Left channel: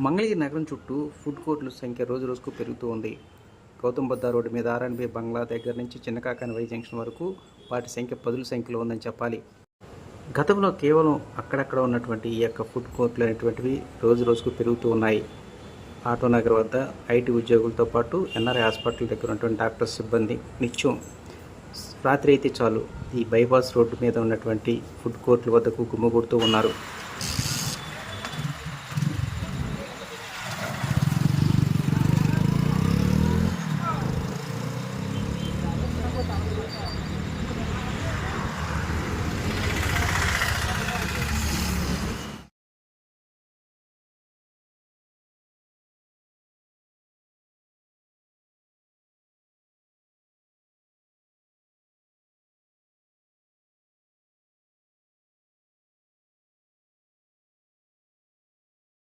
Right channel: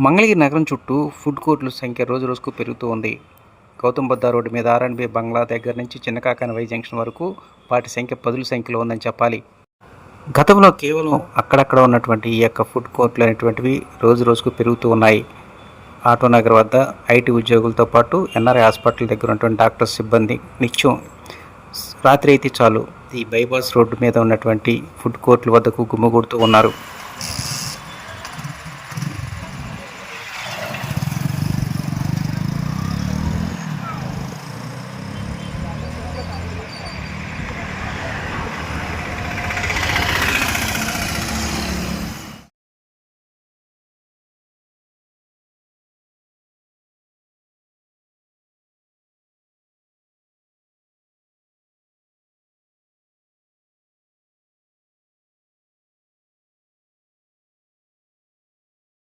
మంగళగిరి నగరం చుట్టూ ఫుడ్ కోర్టుల సంఖ్య రోజు రోజుకు పెరుగుతూ ఉంది. గౌతమ్ బుద్ధ రోడ్డు మీద ఆర్ఎన్బి బంగ్లా దగ్గర నుంచి చిన్నకాకాని వై జంక్షన్ వరకు వాటి సంఖ్య పదుల సంఖ్యలో ఉందని చెప్పాలి. గతంలో కేవలం అక్కడక్కడ ఉన్నటువంటి ఈ యొక్క ఫుడ్ కోర్టులు అనేటువంటివి రోజు రోజుకు పెరుగుతూ ఉన్నాయి. ఆటోనగర్ వద్ద ఐటీ ఉద్యోగులతో పాటు ఎన్ఆర్ఐ హాస్పిటల్ దగ్గర ఉన్నటువంటి డాక్టర్ సిబ్బంది నిత్యం రాత్రి అయితే చాలు ఈ బైపాస్ రోడ్డు మీద ఉన్నటువంటి ఫుడ్ కోర్టుల వద్దకు గుమ్మగూడుతూ ఉన్నారు.